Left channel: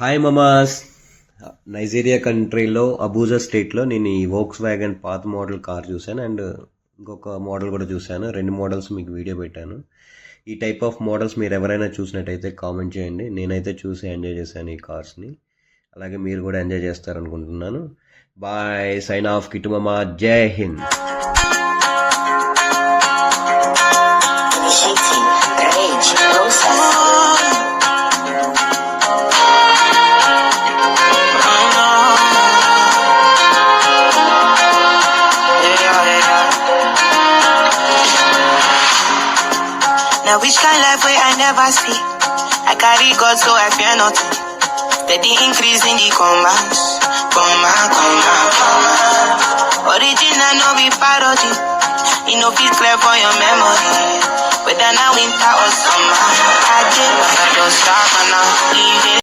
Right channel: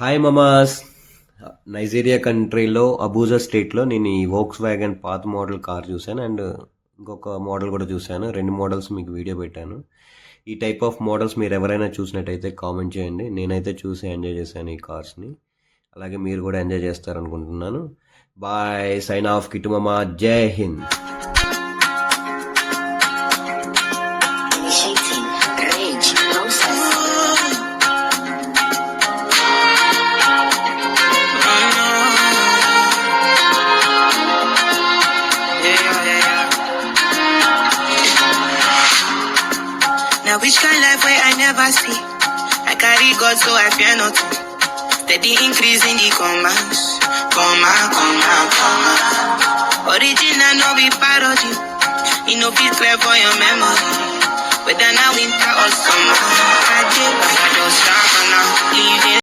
Hi Mama's Nigeria కంట్రీలో Abuja స్టేట్లో నేను ఈ వోక్స్ వ్యాగన్ పాత మోడల్ కార్ చూశాను అండ్ ఇంకొక మోడల్ కూడా చూశాను. రెండు మోడల్స్ మీకు వీడియో పెట్టాను. ఈ టైప్ ఆఫ్ మోడల్స్ మీరు ఎవరైనా చూసినట్టయితే కామెంట్ చేయండి. నేనైతే చూసి ఎంజాయ్ చేశాను ఈ కార్స్ని అలాగే మీరు కూడా ఎంజాయ్ చేస్తారనుకుంటున్నాను. Bye sign off కిటుమమా Jai Hind Now which kind life way I never see. I carry God so I fear nothing. Steady increase in the commas. Comma, comma, comma. Original no be parody. You know fit clear for your memory. Whether now winter or summer. I did what I just and now. Leave it.